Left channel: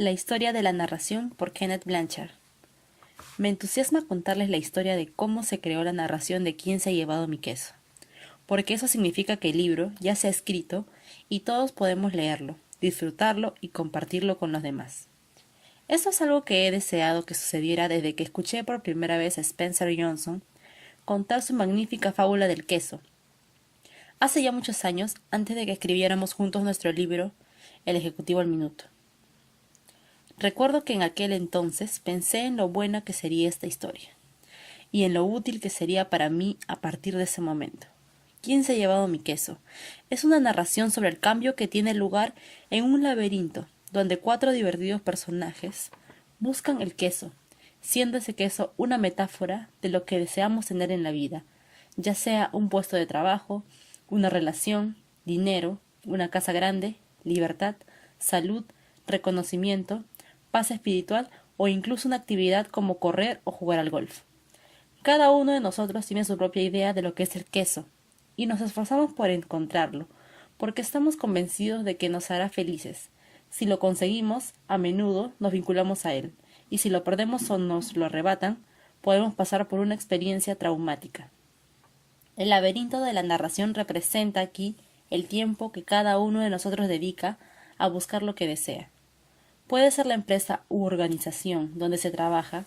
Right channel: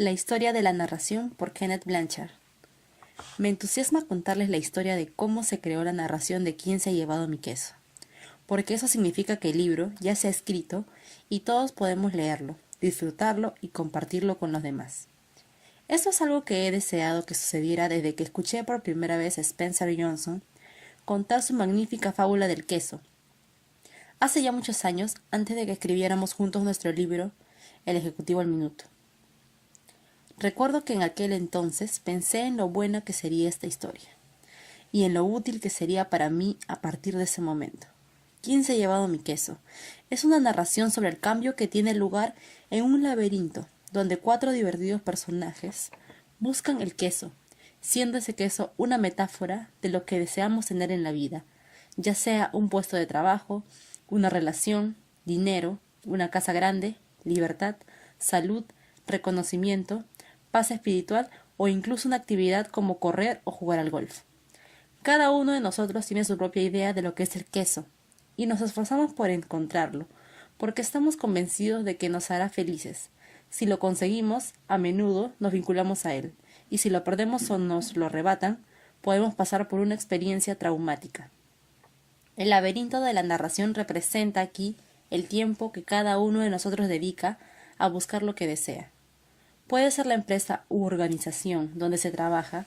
La historia de la narración por Kenneth Blanchard. Me entusiasma contarles la historia de cómo se creó la narración de Quién se ha llevado mi queso, porque eso significa que el libro ya se ha escrito y todos podemos leerlo, disfrutarlo y compartirlo con los demás. Esto es algo que he deseado que sucediera desde que escuché por primera vez a Spencer Johnson contar su magnífica fábula del queso. Hace ya muchos años, antes de que escribiéramos juntos nuestro libro, El Ejecutivo al Minuto. Recuerdo que en aquel entonces pensé en lo buena que sería esta historia, y en lo útil que sería para mí a partir de ese momento. ¿Quién se ha llevado mi queso? Es una narración sobre el cambio que tiene lugar en un laberinto, donde 4 divertidos personajes buscan el queso, siendo ese queso una metáfora de lo que deseamos tener en la vida, ya sea un puesto de trabajo, una relación, dinero, una casa grande, libertad, salud, reconocimiento, paz espiritual o incluso una actividad como correr o jugar al golf. Cada uno de nosotros tiene su propia idea de lo que es el queso y nos esforzamos por encontrarlo, porque estamos convencidos de que nos hará felices. Si lo conseguimos, a menudo nos vinculamos a él, y si lo perdemos o nos lo arrebatan, podemos pasar por una experiencia traumática. El laberinto de la narración representa aquí el tiempo que cada uno de nosotros dedica a buscar lo que desea. Puede ser la empresa u organización donde se trabaja,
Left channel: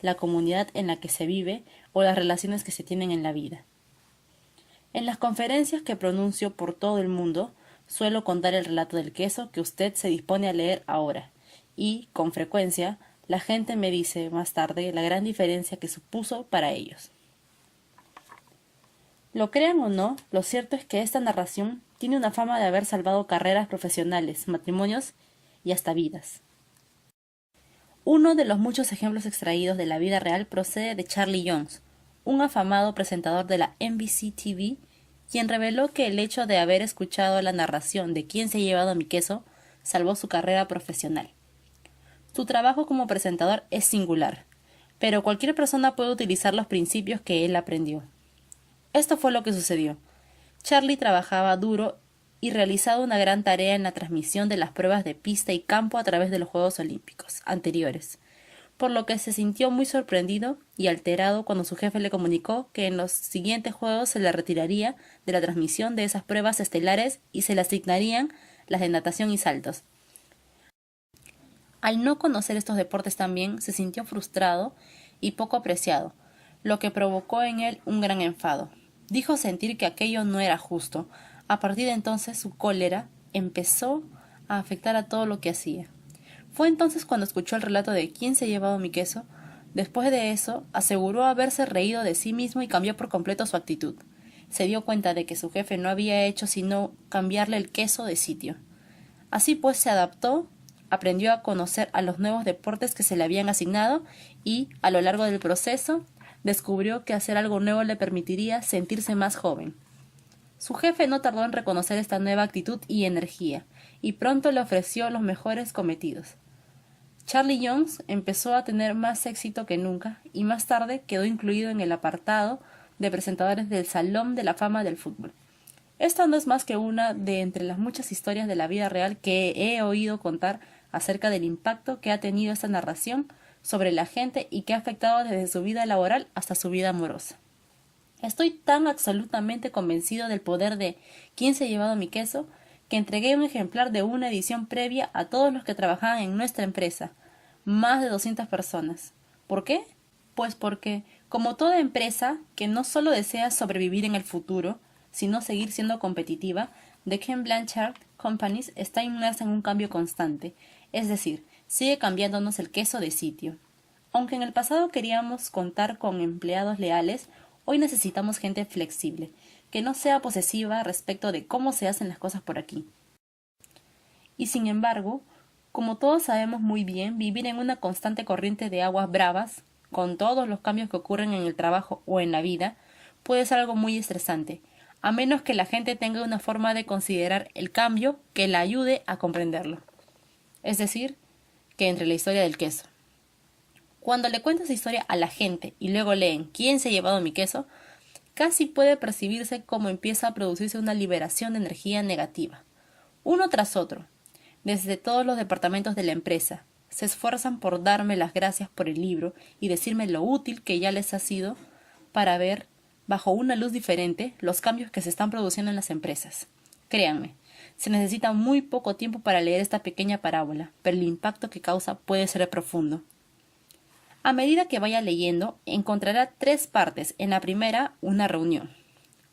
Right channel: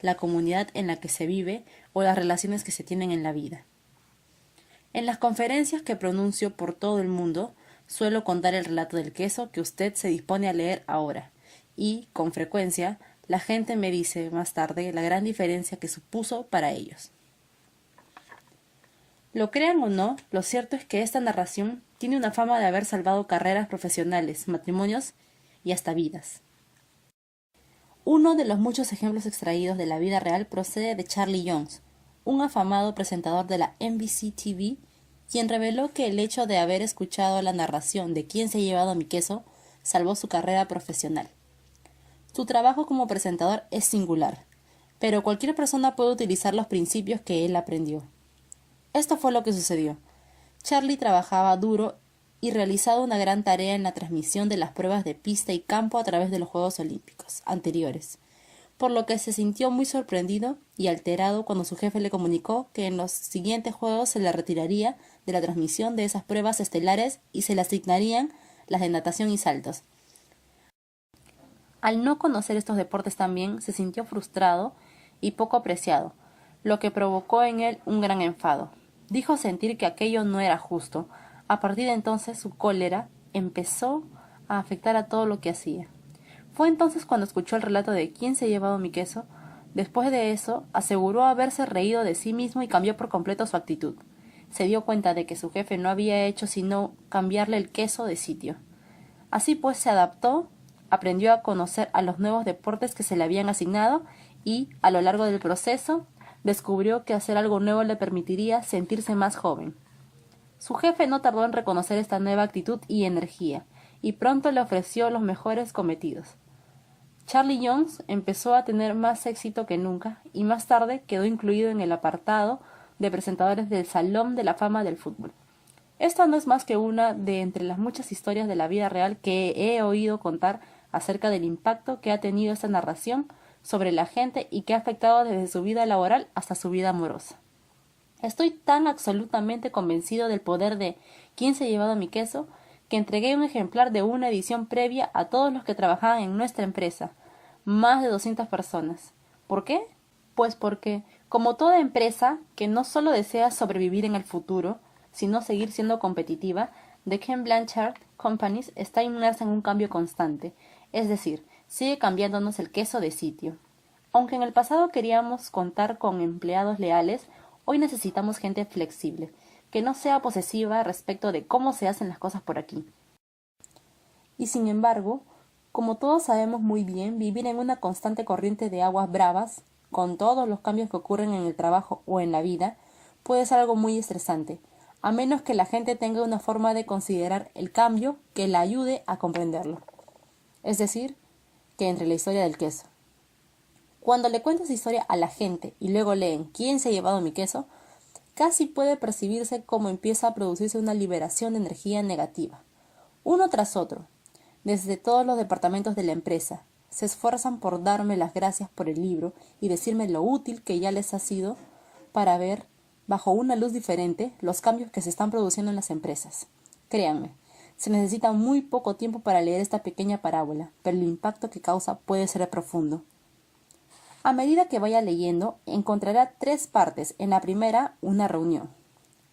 la comunidad en la que se vive o las relaciones que se tienen en la vida. En las conferencias que pronuncio por todo el mundo, suelo contar el relato del queso que usted se dispone a leer ahora, y, con frecuencia, la gente me dice más tarde la gran diferencia que supuso para ellos. Lo crean o no, lo cierto es que esta narración tiene una fama de haber salvado carreras profesionales, matrimonios y hasta vidas. Uno de los muchos ejemplos extraídos de la vida real procede de Charlie Jones, un afamado presentador de la NBC TV, quien reveló que el hecho de haber escuchado la narración de Quién se ha llevado mi queso salvó su carrera profesional. Su trabajo como presentador es singular, pero cualquier persona puede utilizar los principios que él aprendió. Esto fue lo que sucedió. Charlie trabajaba duro y realizado una gran tarea en la transmisión de las pruebas de pista y campo a través de los Juegos Olímpicos anteriores, por lo que se sintió muy sorprendido y alterado cuando su jefe le comunicó que en los siguientes Juegos se le retiraría de la transmisión de esas pruebas estelares y se le asignarían las de natación y saltos. Al no conocer estos deportes también, se sintió frustrado y poco apreciado, lo que provocó en él un gran enfado. Dijo sentir que aquello no era justo. A partir de entonces su cólera empezó a afectar a todo lo que hacía. Fue entonces cuando escuchó el relato de Quién se ha llevado mi queso. Después de eso, aseguró haberse reído de sí mismo y cambió por completo su actitud. Se dio cuenta de que su jefe no había hecho sino cambiarle el queso de sitio. Así pues se adaptó, aprendió a conocer a los nuevos deportes que se le habían asignado y, a lo largo del proceso, descubrió que hacer algo nuevo le permitiría sentirse más joven. Su jefe no tardó en reconocer esta nueva actitud y energía, y pronto le ofreció los mejores cometidos. Charlie Jones empezó a tener más éxito que nunca, y más tarde quedó incluido en el apartado de presentadores del Salón de la Fama del Fútbol. Esta no es más que una de entre las muchas historias de la vida real que he oído contar acerca del impacto que ha tenido esta narración sobre la gente y que ha afectado desde su vida laboral hasta su vida amorosa. Estoy tan absolutamente convencido del poder de Quién se ha llevado mi queso que entregué un ejemplar de una edición previa a todos los que trabajaban en nuestra empresa, más de 200 personas. ¿Por qué? Pues porque, como toda empresa que no solo desea sobrevivir en el futuro, sino seguir siendo competitiva, The Ken Blanchard Companies está inmersa en un cambio constante, es decir, sigue cambiándonos el queso de sitio. Aunque en el pasado queríamos contar con empleados leales, hoy necesitamos gente flexible, que no sea posesiva respecto de cómo se hacen las cosas por aquí. Y sin embargo, como todos sabemos muy bien, vivir en una constante corriente de aguas bravas, con todos los cambios que ocurren en el trabajo o en la vida, puede ser algo muy estresante, a menos que la gente tenga una forma de considerar el cambio que la ayude a comprenderlo. Es decir, que entre la historia del queso. Cuando le cuento esa historia a la gente y luego leen Quién se ha llevado mi queso, casi puede percibirse cómo empieza a producirse una liberación de energía negativa, uno tras otro, desde todos los departamentos de la empresa, se esfuerzan por darme las gracias por el libro y decirme lo útil que ya les ha sido para ver, bajo una luz diferente, los cambios que se están produciendo en las empresas. Créanme, se necesita muy poco tiempo para leer esta pequeña parábola, pero el impacto que causa puede ser profundo. A medida que vaya leyendo, encontrará 3 partes. En la primera, una reunión.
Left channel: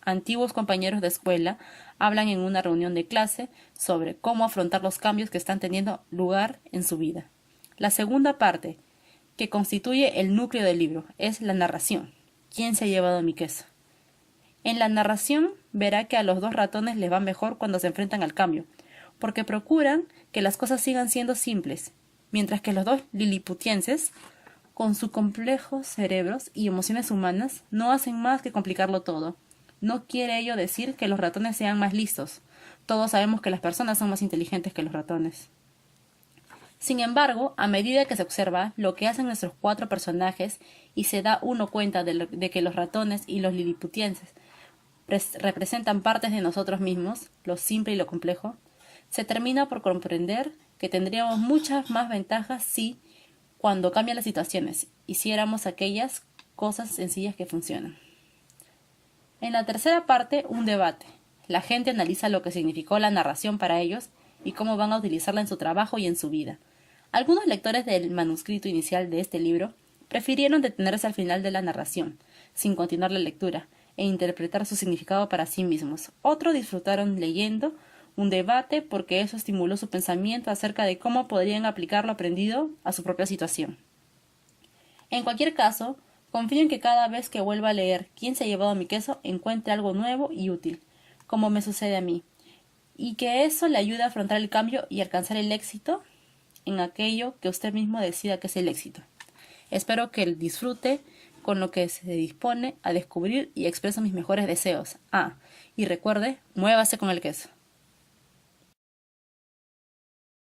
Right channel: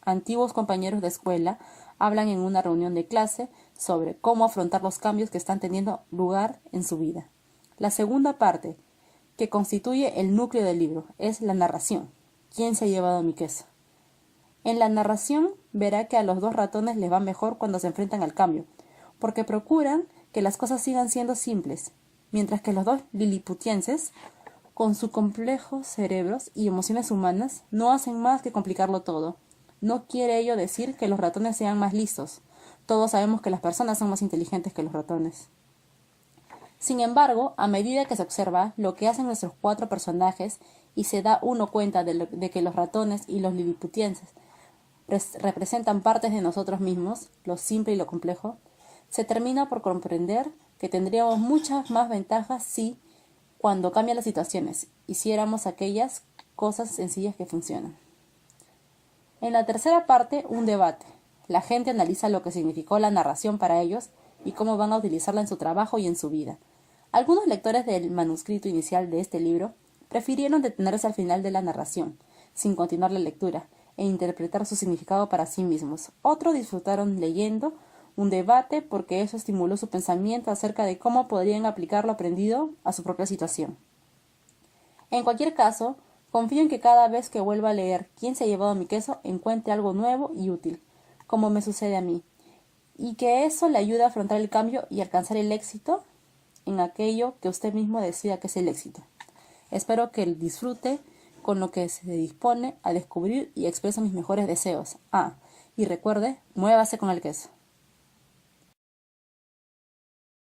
Antiguos compañeros de escuela hablan en una reunión de clase sobre cómo afrontar los cambios que están teniendo lugar en su vida. La segunda parte, que constituye el núcleo del libro, es la narración. ¿Quién se ha llevado mi queso? En la narración verá que a los 2 ratones les va mejor cuando se enfrentan al cambio, porque procuran que las cosas sigan siendo simples, mientras que los 2 liliputienses, con sus complejos cerebros y emociones humanas, no hacen más que complicarlo todo. No quiere ello decir que los ratones sean más listos. Todos sabemos que las personas son más inteligentes que los ratones. Sin embargo, a medida que se observa lo que hacen nuestros 4 personajes y se da uno cuenta de que los ratones y los liliputienses representan partes de nosotros mismos, lo simple y lo complejo, se termina por comprender que tendríamos muchas más ventajas si, cuando cambian las situaciones, hiciéramos aquellas cosas sencillas que funcionan. En la tercera parte, un debate. La gente analiza lo que significó la narración para ellos y cómo van a utilizarla en su trabajo y en su vida. Algunos lectores del manuscrito inicial de este libro prefirieron detenerse al final de la narración, sin continuar la lectura, e interpretar su significado para sí mismos. Otros disfrutaron leyendo un debate porque eso estimuló su pensamiento acerca de cómo podrían aplicar lo aprendido a su propia situación. En cualquier caso, confío en que cada vez que vuelva a leer ¿Quién se ha llevado mi queso? Encuentre algo nuevo y útil, como me sucede a mí, y que eso le ayude a afrontar el cambio y alcanzar el éxito en aquello que usted mismo decida que es el éxito. Espero que disfrute con lo que se dispone a descubrir y expreso mis mejores deseos. Y recuerde, muévase con el queso.